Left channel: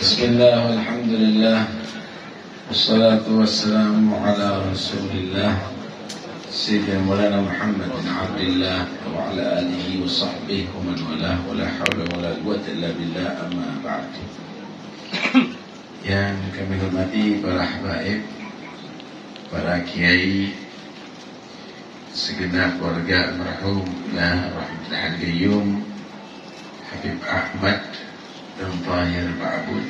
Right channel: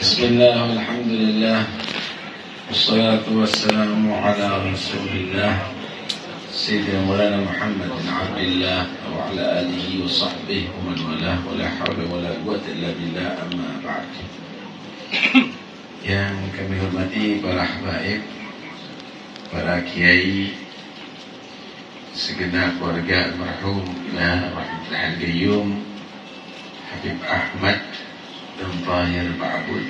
Bismillah, alhamdulillah, wassalatu wassalamu ala rasulillah Sayyidina Maulana Muhammad bin Abdullah wa ala alihi wa sahbihi wa man walah wa la hawla wa la quwwata illa billah, amma ba'd. Yang kami hormati para habaib, para kiai, segenap keluarga almarhum Rahmatullah Al-Qayyum Habib Ahmad dan Tahir Ba'bud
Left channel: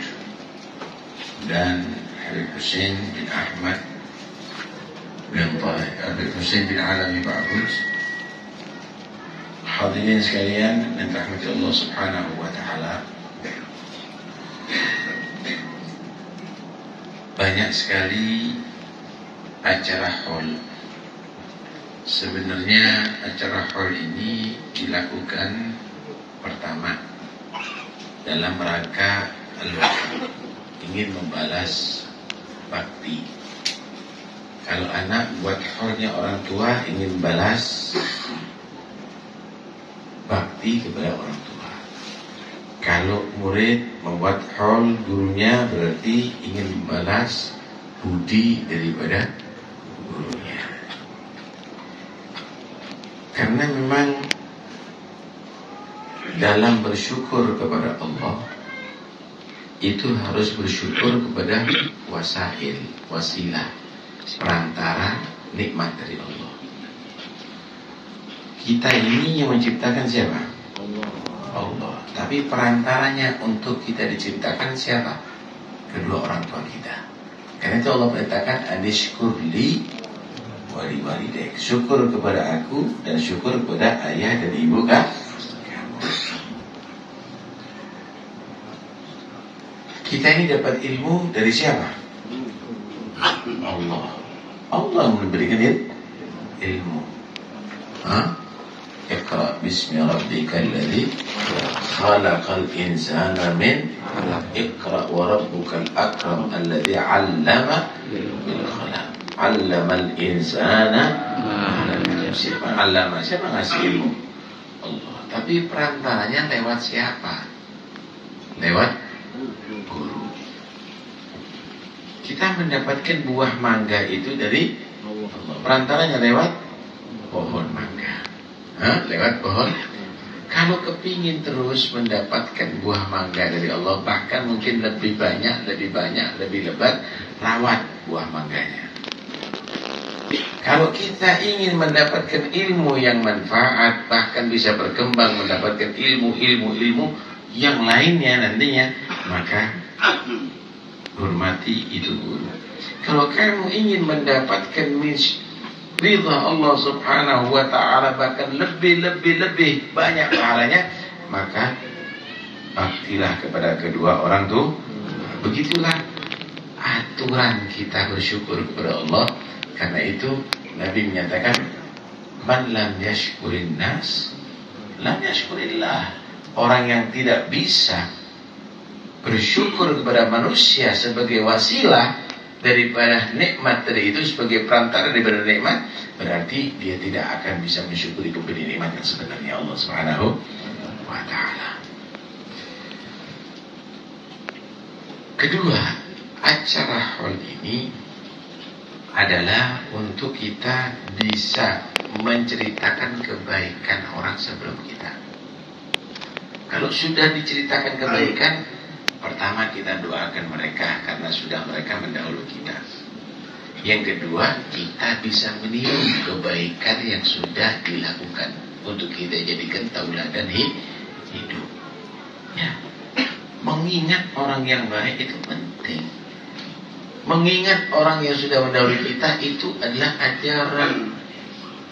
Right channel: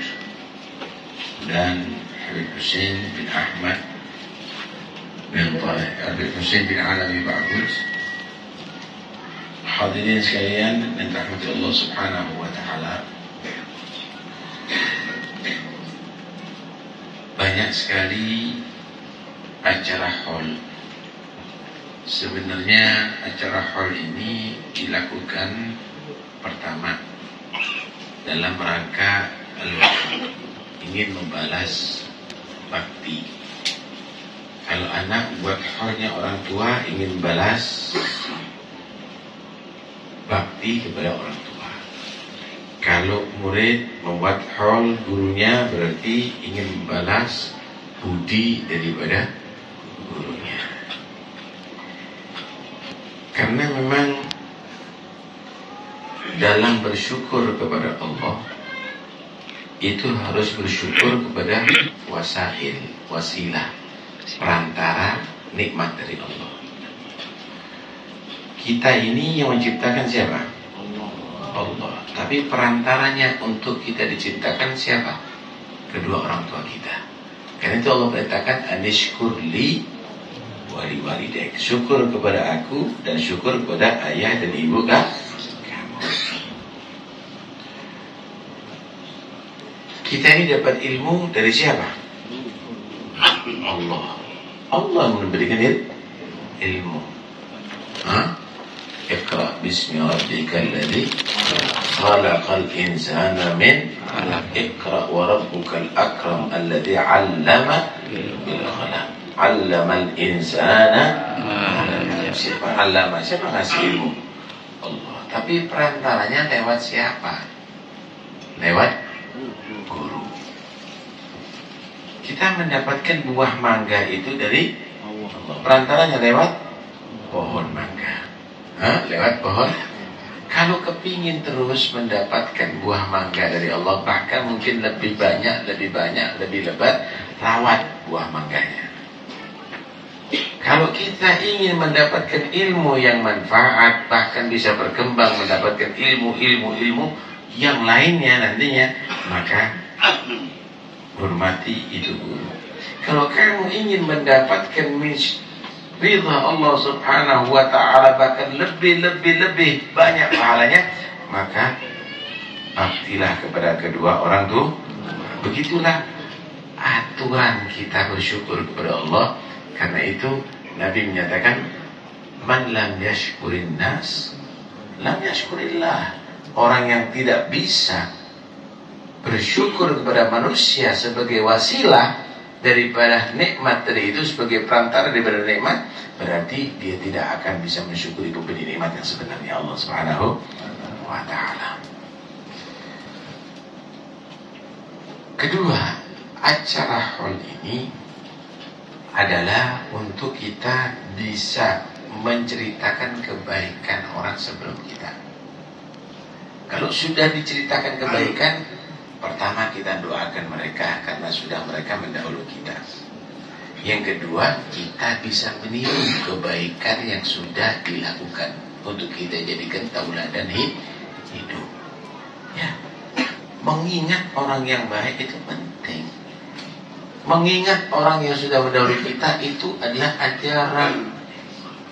dan Habib Hussein bin Ahmad bin Tahir, Habib Hussein bin Alawi Ba'bud. Hadirin sekalian dan rahmati Allah Subhanahu wa ta'ala, banyak sekali acara haul. Sebenarnya acara haul ini dilakukan pertama dalam rangka ingin membalas bakti. Kalau anak buat haulnya orang tua ingin balas bakti kepada orang tua. Kalau murid membuat haul gurunya berarti ingin membalas budi daripada gurunya. Karena memang dalam bersyukur kepada Allah itu harus bersyukur kepada wasilah, perantara nikmat dari Allah. Kita ini yang menciptakan siapa? Allah. Tapi perantaranya untuk kita diciptakan siapa? Kedua orang tua kita. Karena itu Allah perintahkan anishkurli wali walidayk, syukur kepada aku dan syukur kepada ayah dan ibu kamu. Kita ini dapat ilmu dari siapa? Allah. Allah memberikan ilmu. Iqra bismi rabbikal ladzi khalaqal insana min 'alaq. Iqra wa rabbukal akram alladzi 'allama bil qalam. 'Allamal insana ma lam ya'lam. Siapa ngasih ilmu? Allah. Tapi perantaranya lewat siapa? Lewat guru. Kita mendapatkan buah mangga itu dari Allah. Perantaranya lewat pohon mangga. Lewat pohon. Kalau kepingin terus mendapatkan buah mangga dari Allah, bahkan mungkin lebih banyak, lebih lebat, rawat buah mangganya. Kalau kita ingin mendapatkan ilmu yang manfaat, bahkan bisa berkembang mendapatkan ilmu yang lainnya nantinya, maka hormati itu guru. Kalau kamu ingin mendapatkan ridha Allah Subhanahu wa ta'ala, bahkan lebih banyak pahalanya, maka baktilah kepada kedua orang tua. Begitulah aturan kita bersyukur kepada Allah. Karena itu Nabi menyatakan, man lam yashkurin nas lam yashkurillah. Orang yang tidak bisa bersyukur kepada manusia sebagai wasilah daripada nikmat tadi itu, sebagai perantara daripada nikmat, berarti dia tidak akan bisa mensyukuri pemberi nikmat yang sebenarnya, Allah Subhanahu wa ta'ala. Kedua, acara haul ini adalah untuk kita bisa menceritakan kebaikan orang sebelum kita. Kalau sudah diceritakan kebaikan, pertama kita doakan mereka karena sudah mereka mendahului kita. Yang kedua, kita bisa meniru kebaikan yang sudah dilakukan untuk kita jadikan tauladan hidup. Ya, mengingat orang yang baik itu penting. Mengingat orang yang sudah mendahului kita itu adalah ajaran.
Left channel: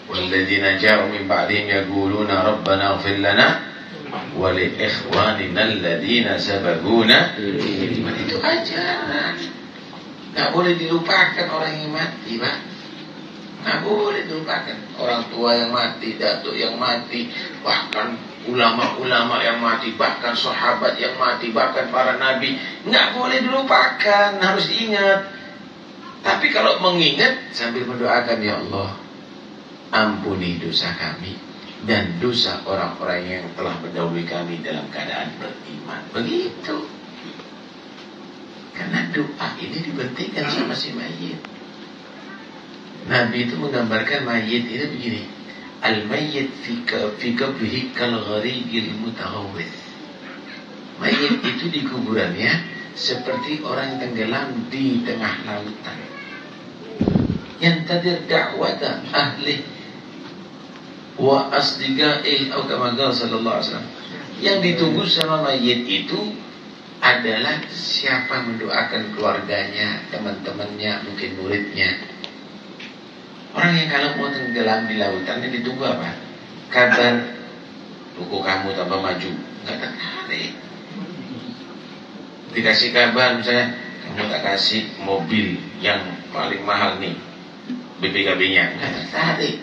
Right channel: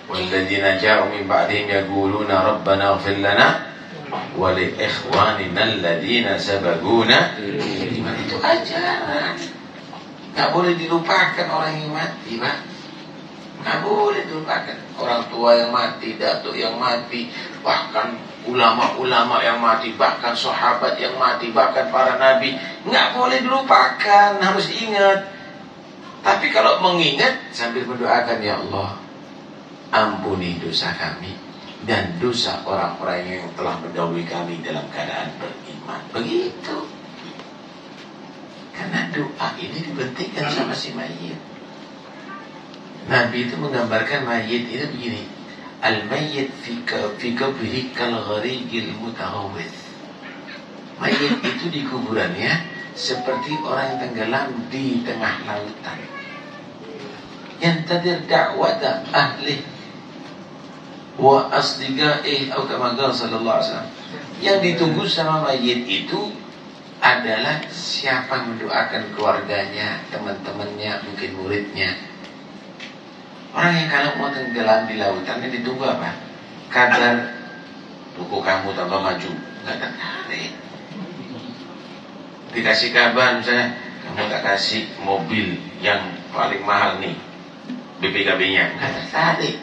Walladzina ja'u min ba'dihim yaquluna rabbana ighfir lana wa li ikhwanina alladzina sabaquna bil iman. Itu ajaran. Enggak boleh dilupakan orang yang mati, Pak. Enggak boleh dilupakan orang tua yang mati, datuk yang mati, bahkan ulama-ulama yang mati, bahkan sahabat yang mati, bahkan para nabi. Enggak boleh dilupakan, harus ingat. Tapi kalau mengingat sambil mendoakan, ya Allah, ampuni dosa kami dan dosa orang-orang yang telah mendahului kami dalam keadaan beriman. Begitu. doa ini diberhentikan sama si mayit. Nabi itu menggambarkan mayit itu begini. Al-mayyit fi qabrihi kal gharigil mutaghawwith. Mayit itu di kuburannya seperti orang tenggelam di tengah lautan. Yantadir da'wata ahli wa asdiqaihi atau kama qala sallallahu alaihi wasallam. Yang ditunggu sama mayit itu adalah siapa mendoakan keluarganya, teman-temannya, mungkin muridnya. Orang yang kalau mau tenggelam di lautan ini ditunggu apa? Kabar buku kamu tambah maju, nggak tertarik. Dikasih kabar misalnya kamu tak kasih mobil yang paling mahal nih, BPKB-nya, nggak tertarik.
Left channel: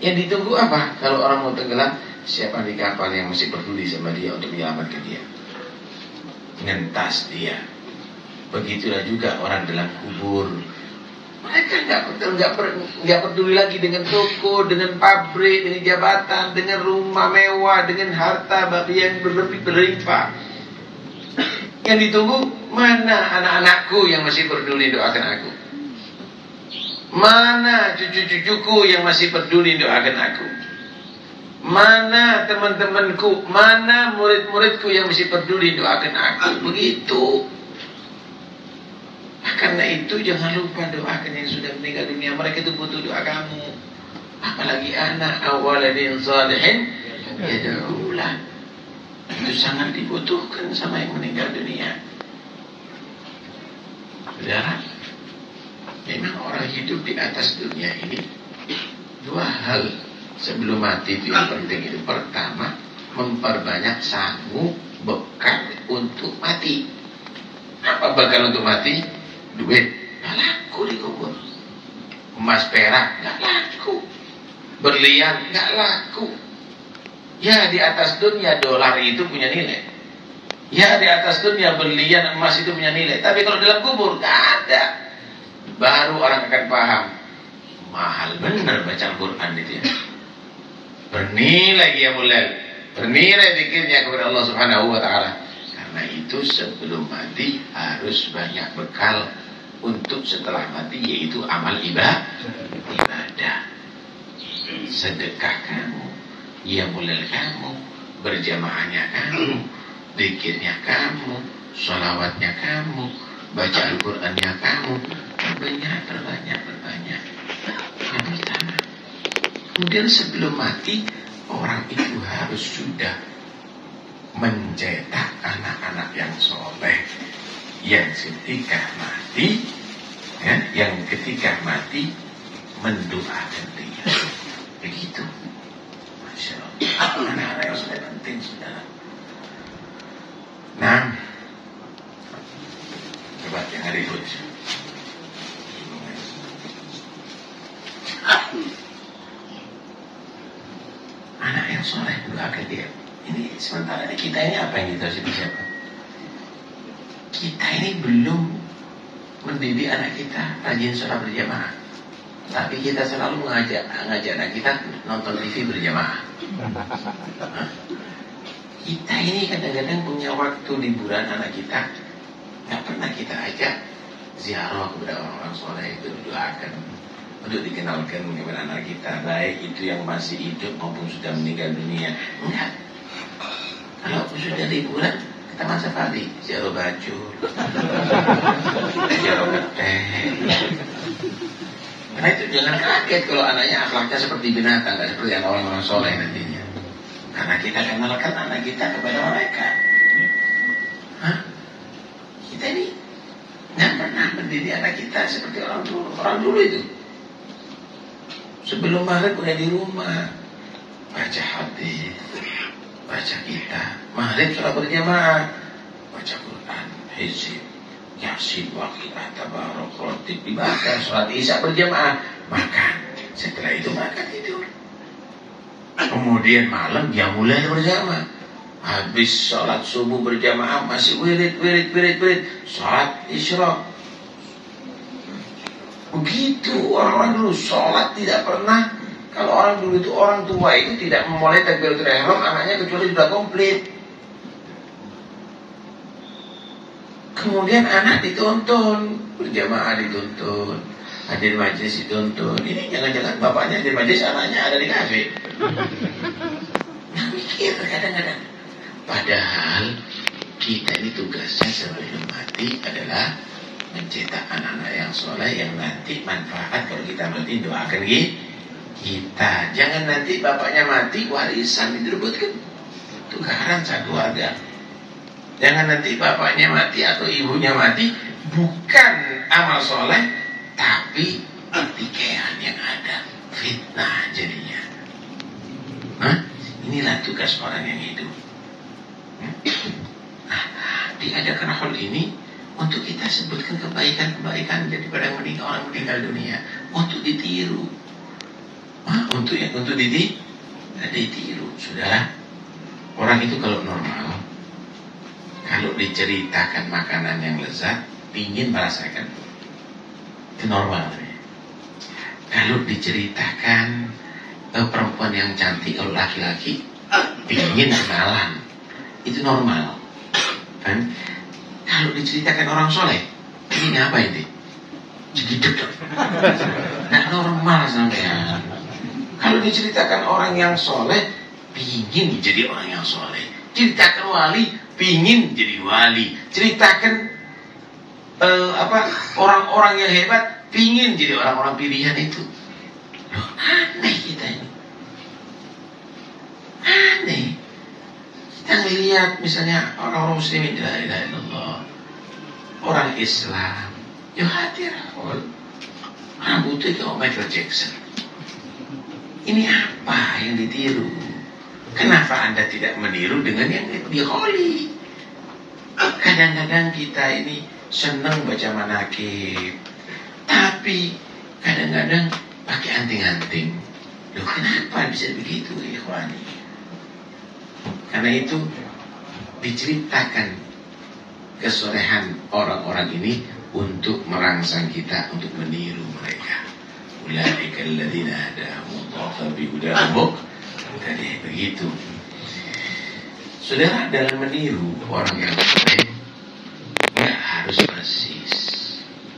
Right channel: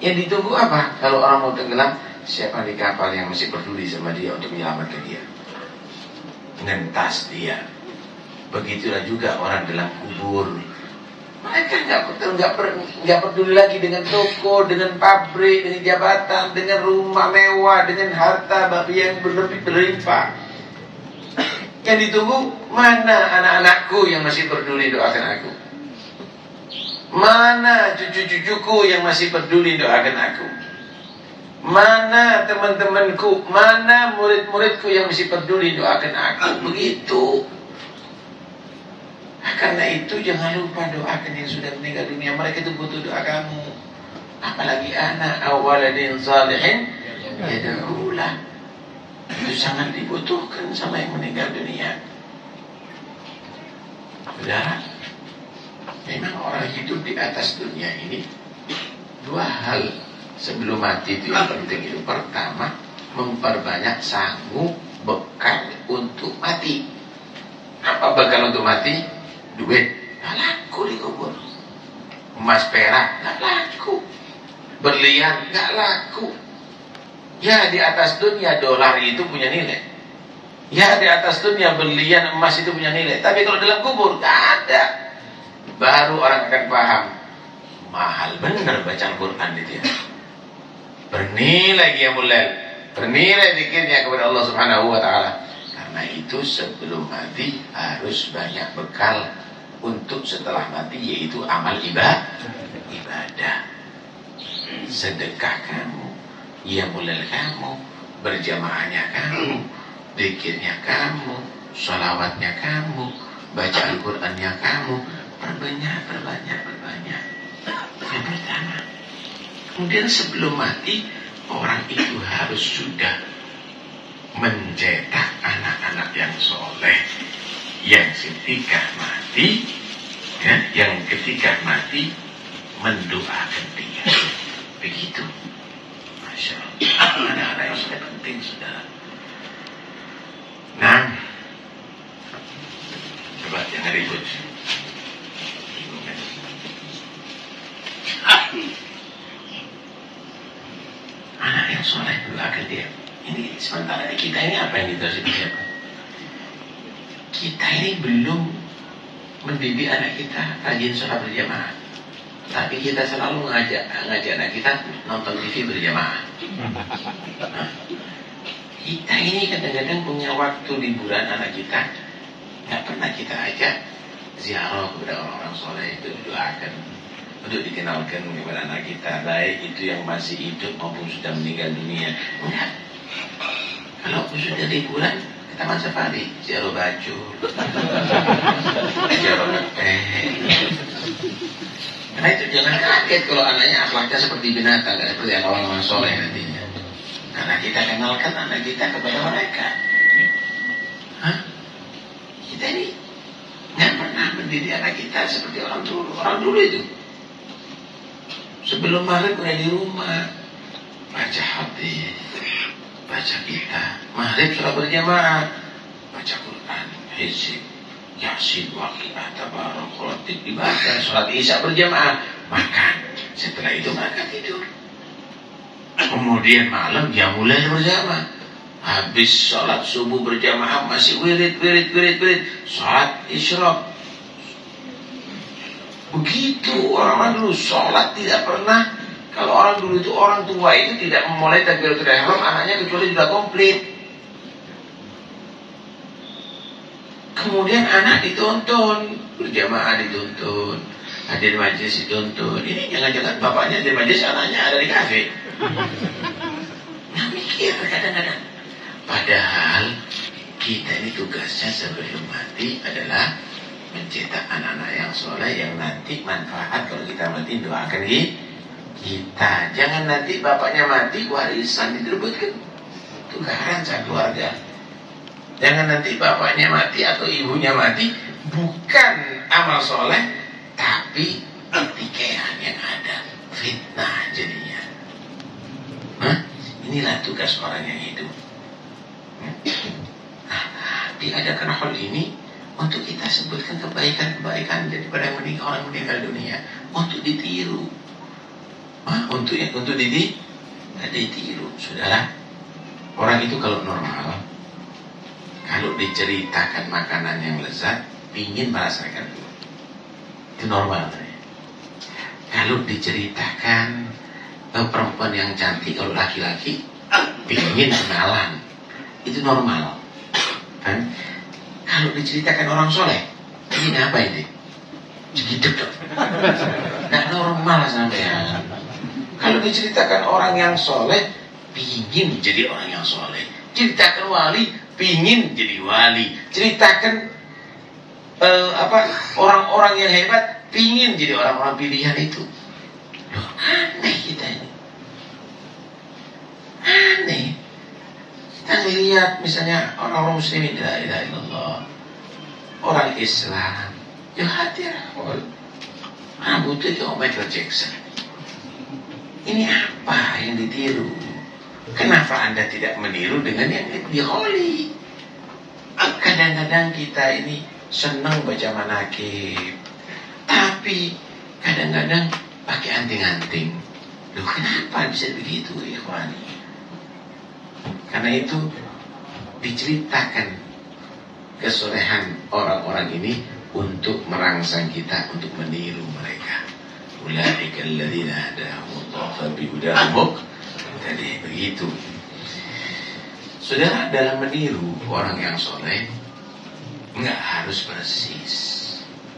Yang ditunggu apa? Kalau orang mau tenggelam, siapa di kapal yang masih peduli sama dia untuk menyelamatkan dia, ngentas dia. Begitulah juga orang dalam kubur. Mereka nggak peduli lagi dengan toko, dengan pabrik, dengan jabatan, dengan rumah mewah, dengan harta yang berlimpah. Yang ditunggu, mana anak-anakku yang masih peduli doakan aku? Mana cucu-cucuku yang masih peduli doakan aku? Mana teman-temanku, mana murid-muridku yang masih peduli doakan aku? Begitu. Karena itu jangan lupa doakan yang sudah meninggal dunia. Mereka itu butuh doa kamu. Apalagi anak awaladin salihin yad'ulah. Itu sangat dibutuhkan sama yang meninggal dunia. Saudara, memang orang hidup di atas dunia ini dua hal sebelum mati itu yang penting itu. Pertama, memperbanyak sanggup bekal untuk mati. Apa bekal untuk mati? Duit, gak laku di kubur. Emas perak, gak laku. Berlian, gak laku. Ya di atas dunia dolar itu punya nilai. Ya di atas dunia berlian emas itu punya nilai. Tapi kalau dalam kubur gak ada. Baru orang akan paham. Mahal benar bacaan Quran itu ya. Bernilai qiyamul lail, bernilai zikirnya kepada Allah Subhanahu wa taala. Karena itu sebelum mati harus banyak bekal untuk setelah mati, yaitu amal ibadah, sedekah kamu, qiyamul kamu, berjamaahnya kamu, zikirnya kamu, sholawatnya kamu, baca Al-Qur'annya kamu, perbanyak. Yang pertama. Kemudian sebelum mati, orang itu harus sudah mencetak anak-anak yang soleh, yang ketika mati mendoakan dia. Begitu. Masya Allah. Anak-anak yang soleh penting, saudara. Nah, coba jangan ribut. Anak yang soleh mendoakan dia. Ini sementara kita ini apa yang kita siapa? Kita ini belum mendidik anak kita rajin sholat berjamaah. Tapi kita selalu ngajak anak kita nonton TV berjamaah. Kita ini kadang-kadang punya waktu liburan anak kita, nggak pernah kita ajak ziarah kepada orang-orang soleh itu, doakan untuk dikenalkan kepada anak kita, baik itu yang masih hidup maupun sudah meninggal dunia. Enggak. Kalau sudah liburan ke taman safari, ziarah baju, ziarah teh. Nah itu jangan kaget kalau anaknya akhlaknya seperti binatang, nggak seperti orang-orang soleh nantinya. Karena kita kenalkan anak kita kepada mereka. Kita ini nggak pernah mendidik anak kita seperti orang dulu. Orang dulu itu sebelum maghrib udah di rumah baca hadis, baca kitab, maghrib sholat berjamaah, baca Quran, hizib, yasin, waqiah, tabarak, dibaca, sholat isya berjamaah, makan. Setelah itu mereka tidur. Kemudian malam dia mulai berjamaah. Habis sholat subuh berjamaah masih wirid, sholat isyraq. Begitu orang-orang dulu sholat tidak pernah. Kalau orang dulu itu, orang tua itu tidak memulai takbiratul ihram anaknya kecuali sudah komplit. Kemudian anak dituntun, berjamaah dituntun, hadir majelis dituntun. Ini jangan-jangan bapaknya di majelis, anaknya ada di kafe. Nah, mikir kadang-kadang. Padahal kita ini tugasnya sebelum mati adalah mencetak anak-anak yang soleh, yang nanti manfaat kalau kita mati doakan kita. Jangan nanti bapaknya mati warisan direbutkan, tukaran satu keluarga. Jangan nanti bapaknya mati atau ibunya mati bukan amal soleh, tapi pertikaian yang ada, fitnah jadinya. Inilah tugas orang yang hidup. Nah, diadakan hal ini untuk kita sebutkan kebaikan-kebaikan daripada orang meninggal dunia, untuk ditiru, untuk ditiru. Sudah, orang itu kalau normal, kalau diceritakan makanan yang lezat, ingin merasakan, itu normal. Kalau diceritakan perempuan yang cantik, kalau laki-laki ingin kenalan, itu normal. Kan? Kalau diceritakan orang soleh, ini apa ini? Jadi nggak normal sampean. Kalau diceritakan orang yang soleh, ingin jadi orang yang soleh. Ceritakan wali, pingin jadi wali. Ceritakan orang-orang yang hebat, pingin jadi orang-orang pilihan itu. Loh, aneh kita ini. Aneh. Kita melihat misalnya orang-orang muslimin, la ilaha illallah, orang Islam, ya hadir. Rambutnya kayak Michael Jackson. Ini apa yang ditiru? Kenapa Anda tidak meniru dengan yang diholi? Kadang-kadang kita ini senang baca manakib, tapi kadang-kadang pakai anting-anting. Loh, kenapa bisa begitu, ikhwani? Karena itu diceritakan kesolehan orang-orang ini untuk merangsang kita untuk meniru mereka. Ulaika alladzina hadahumullahu fabihudahum tadi begitu. Saudara, dalam meniru orang yang soleh nggak harus persis.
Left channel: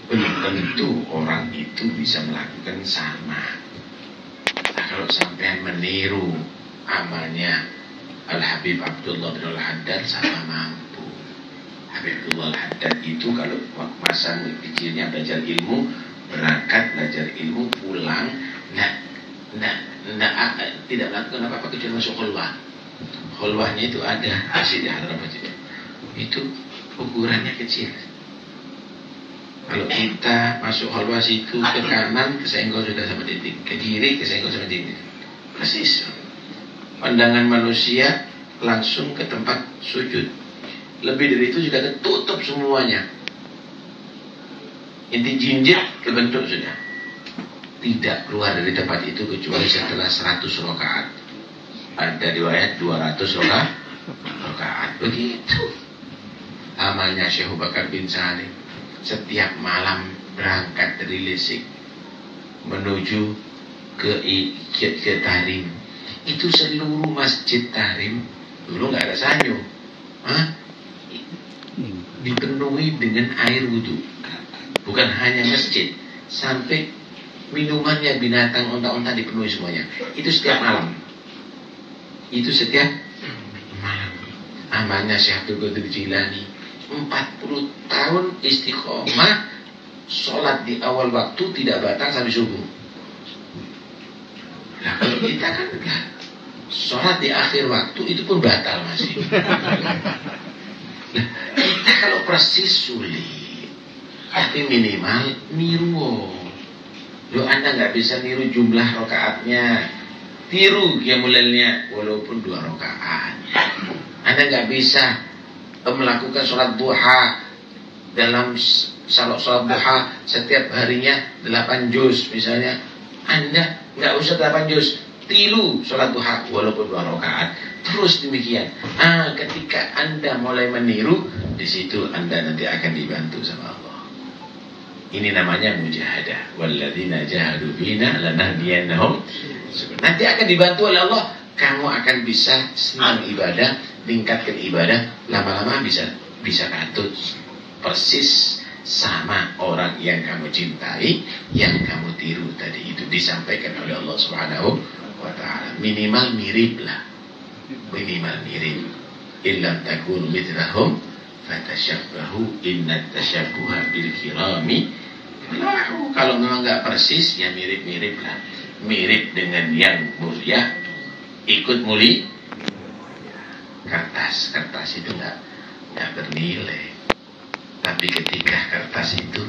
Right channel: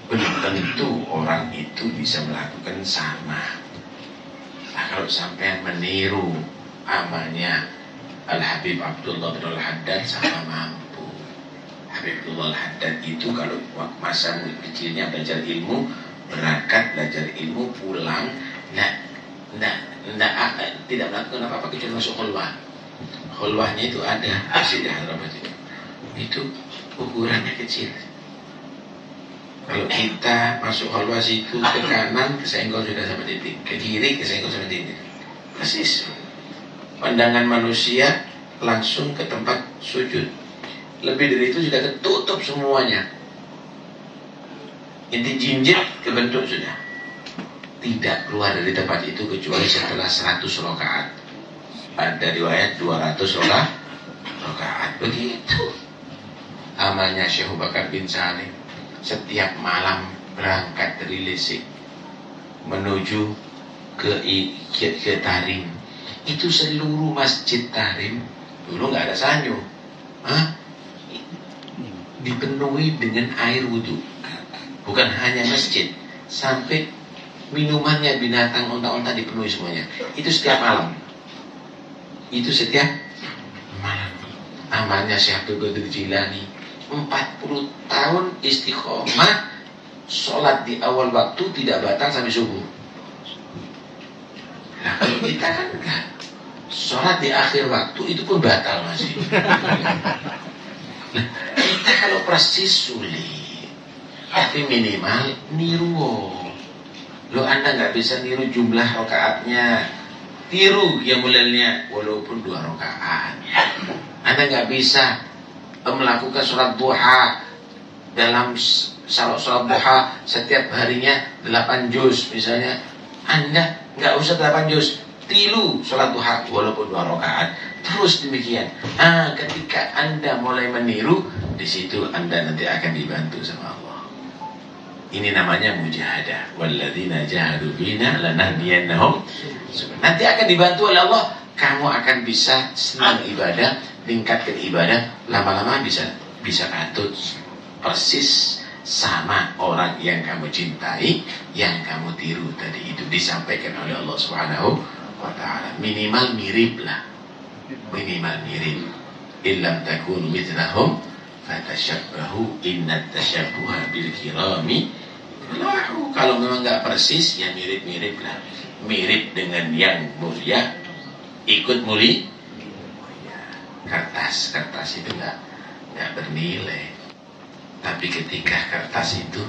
Belum tentu orang itu bisa melakukan sama. Nah, kalau sampai meniru amalnya Al-Habib Abdullah bin Al-Haddad, sama mampu. Habib Abdullah Al-Haddad itu kalau masa kecilnya belajar ilmu, berangkat belajar ilmu, pulang tidak melakukan apa-apa kecuali masuk khulwah. Khulwahnya itu ada masjid di Hadramaut itu ukurannya kecil. Kalau kita masuk khulwah situ, ke kanan kesenggol sudah sama titik, ke kiri kesenggol sama titik, persis. Pandangan manusia langsung ke tempat sujud. Lebih dari itu sudah ketutup semuanya. Inti jinjit kebentuk sudah. Tidak keluar dari tempat itu kecuali setelah 100 rakaat. Ada riwayat 200 rakaat. Begitu amalnya Syekh Bakar bin Salim. Setiap malam berangkat dari Lesik menuju ke Tahrim. Itu seluruh masjid Tahrim dulu nggak ada sanyo, dipenuhi dengan air wudhu. Bukan hanya masjid, sampai minumannya binatang unta-unta dipenuhi semuanya. Itu setiap malam. Itu setiap malam. Amalnya Syekh Abdul Qadir Jilani 40 tahun istiqomah, sholat di awal waktu tidak batal sampai subuh. Nah, kalau kita kan enggak, sholat di akhir waktu itu pun batal masih. Nah, kita kalau persis sulit, tapi minimal niru. Lo Anda nggak bisa niru jumlah rakaatnya, tiru qiyamulailnya walaupun 2 rakaat. Anda nggak bisa melakukan sholat duha dalam sholat duha setiap harinya 8 juz misalnya. Anda nggak usah 8 juz, tilu sholat duha walaupun 2 rakaat. Terus demikian. Ketika Anda mulai meniru, di situ Anda nanti akan dibantu sama Allah. Ini namanya mujahadah. Walladzina jahadu fina lanahdiyannahum. Nanti akan dibantu oleh Allah. Kamu akan bisa senang ibadah, tingkatkan ibadah, lama-lama bisa katut. persis sama orang yang kamu cintai, yang kamu tiru tadi. Itu disampaikan oleh Allah Subhanahu wa ta'ala. Minimal mirip lah, minimal mirip. Illam takunu mithlahum fatashabbahu innat tashabbuha bil kirami falahu. Kalau memang nggak persis, ya mirip-mirip lah. Mirip dengan yang mulia, ikut mulia. Kertas itu nggak bernilai. Tapi ketika kertas itu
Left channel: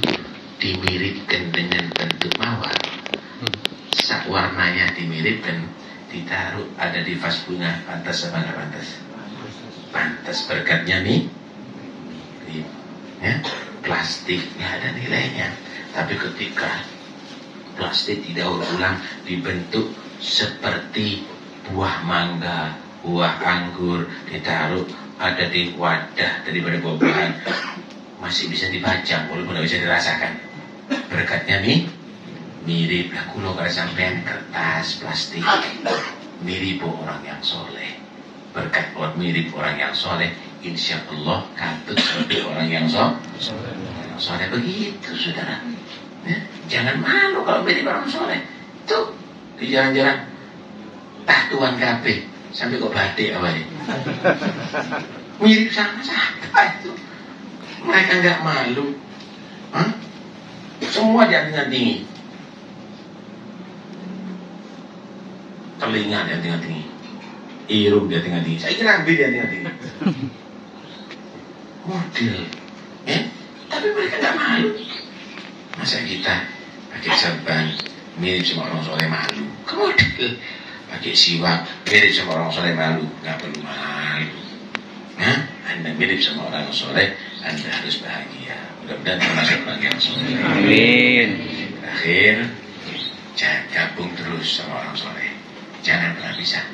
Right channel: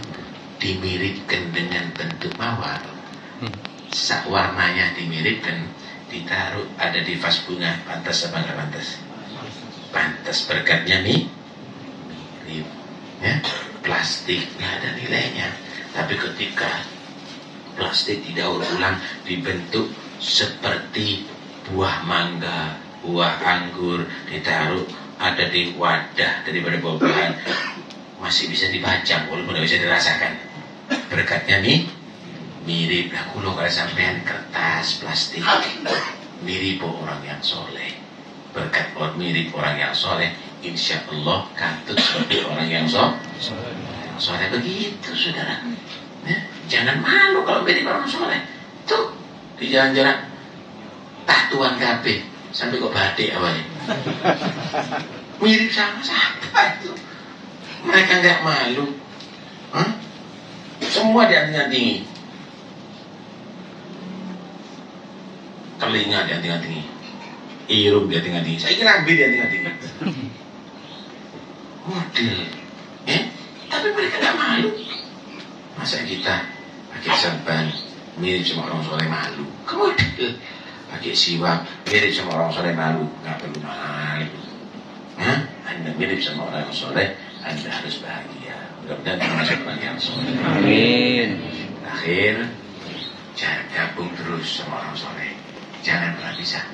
dimiripkan dengan bentuk mawar, warnanya dimiripkan, ditaruh ada di vas bunga, pantas apa nggak pantas? Pantas, berkatnya nih, ya, plastik nggak ada nilainya. Tapi ketika plastik didaur ulang dibentuk seperti buah mangga, buah anggur, ditaruh ada di wadah daripada buah-buahan, masih bisa dipajang walaupun tidak bisa dirasakan. Berkatnya nih mirip lah. Kulo kalau sampean kertas plastik mirip orang yang soleh. Berkat buat mirip orang yang soleh, insya Allah kantut seperti orang yang soleh. Begitu saudara, ya, jangan malu kalau mirip orang soleh. Tuh di jalan-jalan tatuan kape sampai kok batik awalnya mirip sama siapa itu. Mereka nggak malu, semua dianting-antingi, telinga dianting-antingi, hidung dianting-antingi, saya kira ambil dianting-antingi, model, ya. Tapi mereka nggak malu. Masa kita pakai serban mirip sama orang soleh malu? Model pakai siwak mirip sama orang soleh malu? Nggak perlu malu. Anda mirip sama orang soleh, Anda harus bahagia. Mudah-mudahan termasuk orang yang soleh. Amin. Terakhir, jangan gabung terus sama orang soleh. Jangan pernah pisah.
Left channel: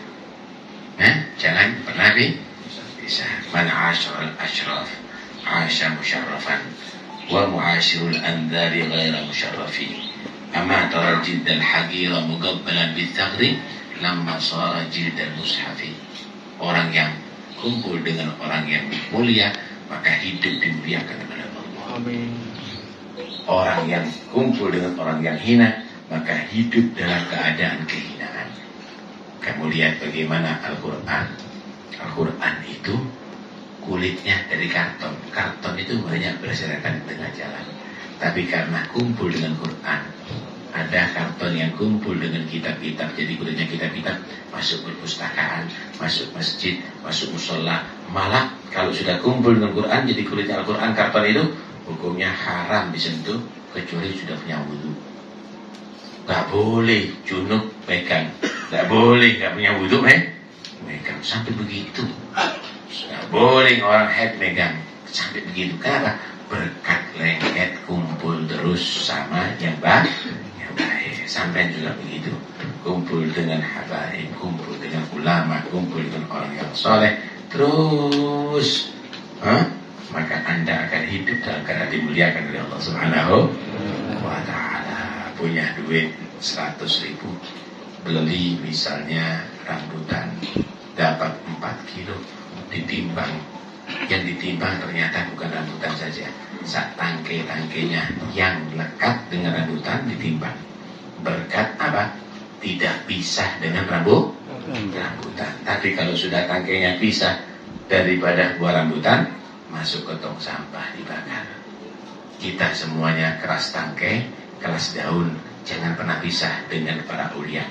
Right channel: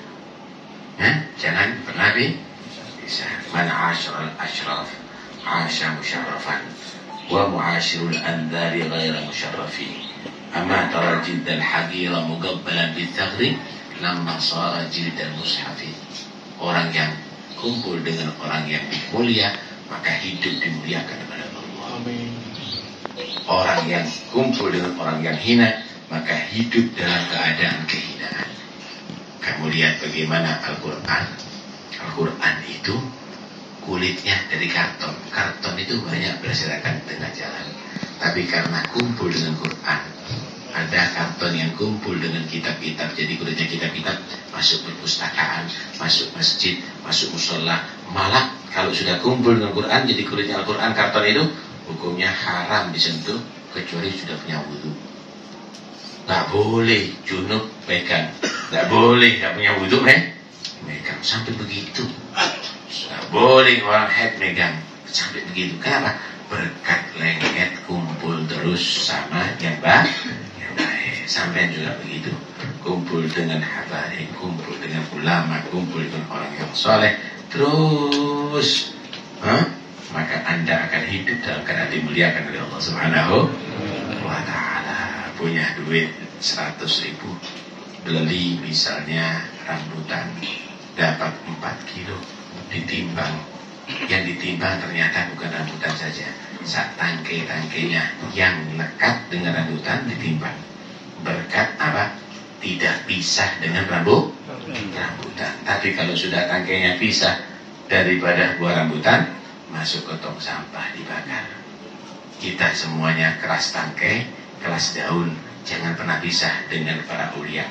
Jangan pernah pisah. Man asyarul asyraf asya musyarrafan wa mu'asyirul andari ghaira musyarrafi. Ama tara jiddal hagira mugabbalan bithagri lamma sara jiddal mushafi. Orang yang kumpul dengan orang yang mulia, maka hidup dimuliakan oleh Allah. Amin. Orang yang kumpul dengan orang yang hina, maka hidup dalam keadaan kehinaan. Kamu lihat bagaimana Al-Quran. Al-Quran itu kulitnya dari karton. Karton itu banyak berserakan di tengah jalan. Tapi karena kumpul dengan Quran, ada karton yang kumpul dengan kitab-kitab, jadi kulitnya kitab-kitab, masuk perpustakaan, masuk masjid, masuk musola. Malah kalau sudah kumpul dengan Quran, jadi kulitnya Al-Quran, karton itu hukumnya haram disentuh kecuali sudah punya wudu. Gak boleh junub pegang, gak boleh gak punya wudu megang, sampai begitu. Gak boleh orang head megang, sampai begitu. Kenapa? Berkat lengket kumpul terus sama yang baik. Sampai juga begitu, kumpul dengan habaib, kumpul dengan ulama, kumpul dengan orang yang soleh, terus maka Anda akan hidup dalam keadaan dimuliakan oleh Allah Subhanahu wa ta'ala. Punya duit 100.000, beli misalnya rambutan, dapat 4 kilo, ditimbang, yang ditimbang ternyata bukan rambutan saja, sak tangkai-tangkainya yang lekat dengan rambutan ditimbang. Berkat apa? Tidak pisah dengan rambutan. Tapi kalau sudah tangkainya pisah daripada buah rambutan, masuk ke tong sampah, dibakar. Kita semuanya keras tangkai, keras daun. Jangan pernah pisah dengan para ulia.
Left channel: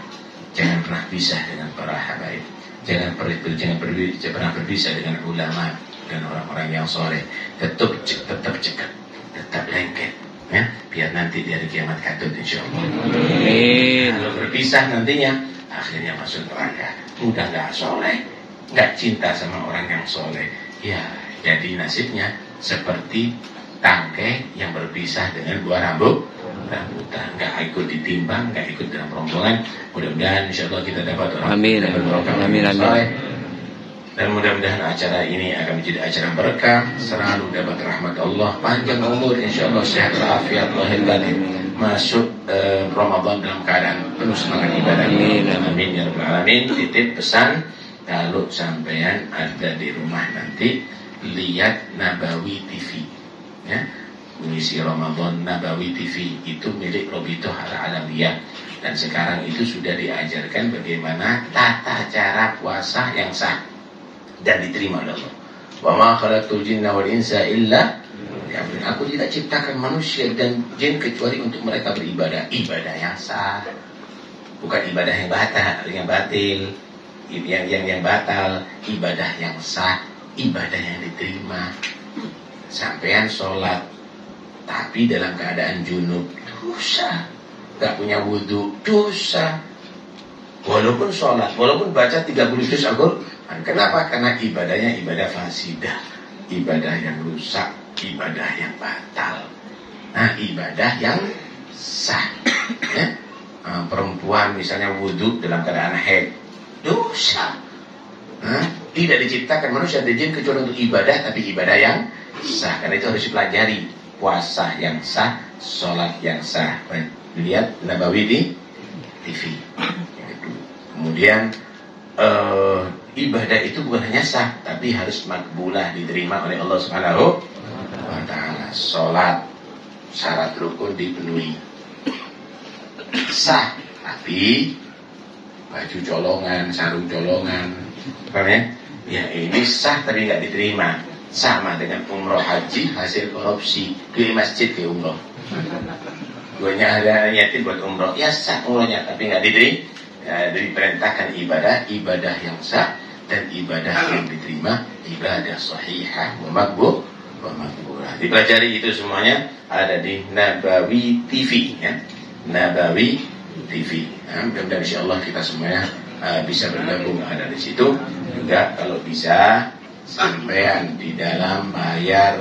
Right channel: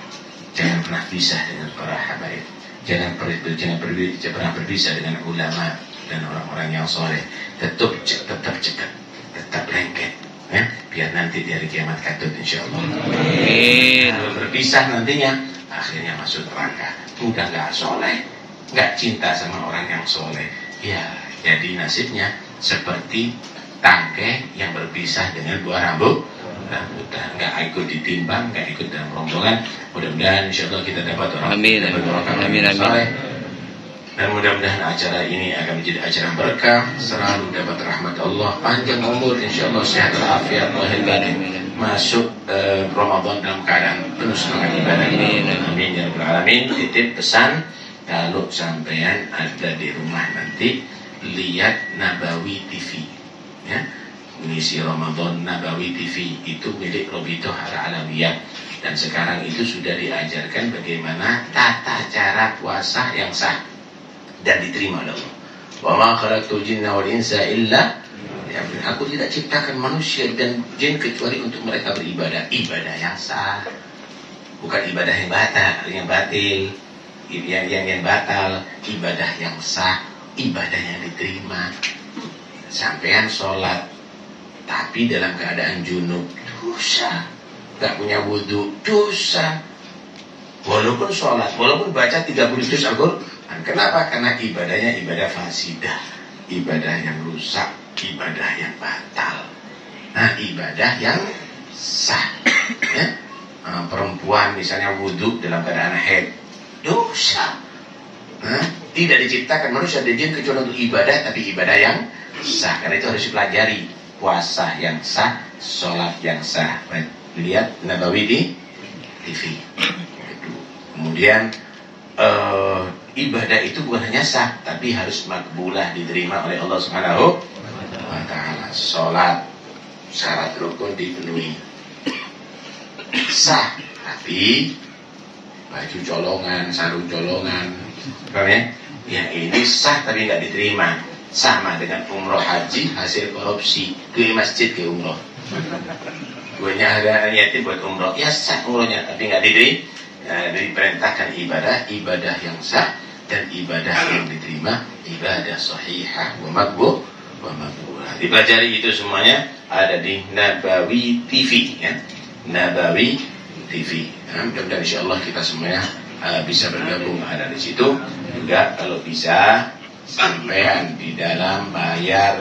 Jangan pernah pisah dengan para habaib. Jangan pernah berpisah dengan ulama dan orang-orang yang soleh. Tetap cekat, tetap lengket, ya, biar nanti di hari kiamat katut insyaallah. Amin. Kalau berpisah nantinya akhirnya masuk neraka. Udah nggak soleh, nggak cinta sama orang yang soleh. Ya, jadi nasibnya seperti tangkai yang berpisah dengan buah rambutan, nggak ikut ditimbang, nggak ikut dalam rombongan. Mudah-mudahan insyaallah kita dapat orang. Amin. Amin. Dan mudah-mudahan acara ini akan menjadi acara berkah, selalu dapat rahmat Allah, panjang umur, insyaallah sehat walafiat lahir batin, masuk Ramadan dalam keadaan penuh semangat ibadah. Amin ya rabbal alamin. Titip pesan, kalau sampean ada di rumah nanti lihat Nabawi TV, ya, mengisi Ramadan Nabawi TV itu milik Robitoh Al-Alawiyah, dan sekarang itu sudah diajarkan bagaimana tata cara puasa yang sah dan diterima oleh Allah. Wa ma khalaqtul jinna wal insa illa liya'budun. Aku tidak ciptakan manusia dan jin kecuali untuk mereka beribadah. Ibadah yang sah, bukan ibadah yang batil, yang batal. Ibadah yang sah, ibadah yang diterima. Sampean sholat tapi dalam keadaan junub, dosa. Gak punya wudhu, dosa. Walaupun sholat, walaupun baca 30 juz Al-Quran. Kenapa? Karena ibadahnya ibadah fasidah, ibadah yang rusak, ibadah yang batal. Nah, ibadah yang sah ya? Perempuan misalnya wudhu dalam keadaan haid, dosa. Tidak diciptakan manusia dan jin kecuali untuk ibadah, tapi ibadah yang sah. Karena itu harus dipelajari. Puasa yang sah, sholat yang sah. Lihat Nabawi di TV. Kemudian ibadah itu bukan hanya sah, tapi harus makbulah, diterima oleh Allah Subhanahu wa ta'ala. Sholat syarat rukun dipenuhi, sah, tapi baju colongan, sarung colongan, ya ini sah tapi nggak diterima. Sama dengan umroh haji hasil korupsi, ke masjid ke umroh. Gue ada niatin buat umroh, ya sah umrohnya tapi nggak diterima. Ya, diperintahkan ibadah yang sah dan ibadah yang diterima, ibadah sahihah wa makbulah. Dipelajari itu semuanya ada di Nabawi TV ya. Nabawi TV. Mudah-mudahan insyaallah kita semuanya bisa bergabung ada di situ. Juga kalau bisa sampean di dalam bayar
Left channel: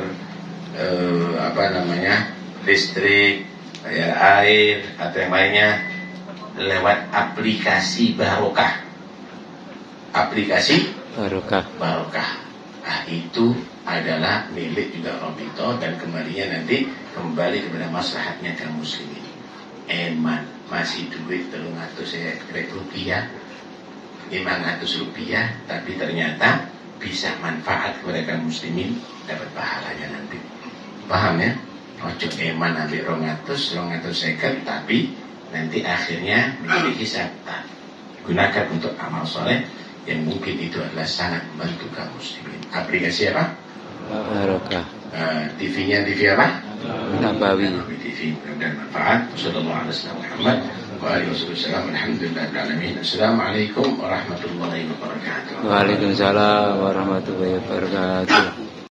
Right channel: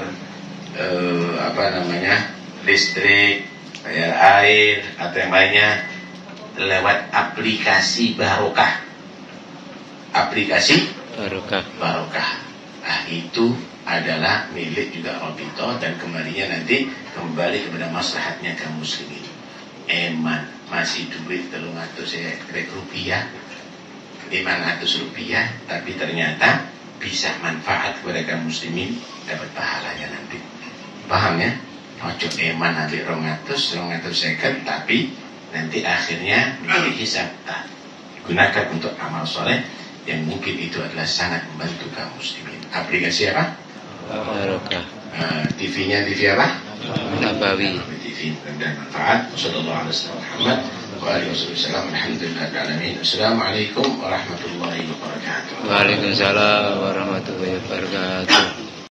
listrik, bayar air atau yang lainnya lewat aplikasi Barokah. Aplikasi Barokah. Nah, itu adalah milik juga Robito dan kembalinya nanti kembali kepada maslahatnya kaum muslimin. Eman masih duit 300 rupiah, 500 rupiah, tapi ternyata bisa manfaat kepada kaum muslimin, dapat pahalanya nanti. Paham ya? Ojo eman ambil 200 tapi nanti akhirnya menjadi hisab. Gunakan untuk amal soleh yang mungkin itu adalah sangat membantu kaum muslimin. Aplikasi apa? Barokah. TV-nya TV apa? Nabawi TV. Mudah-mudahan manfaat. Sallallahu alaihi wasallam. Alhamdulillah. Assalamualaikum warahmatullahi wabarakatuh. Waalaikumsalam warahmatullahi wabarakatuh.